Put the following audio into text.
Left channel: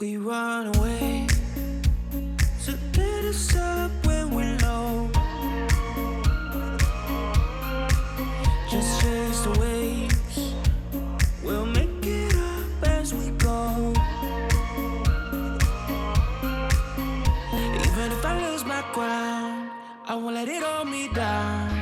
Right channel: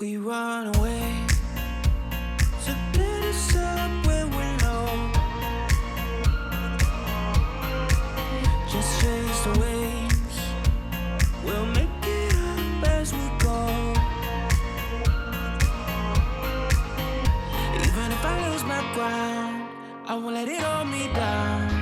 We run away to get us up when we're low. Just chase the waves, we'll make it up as we go. Even if I lose my ground, I won't let it hold me down.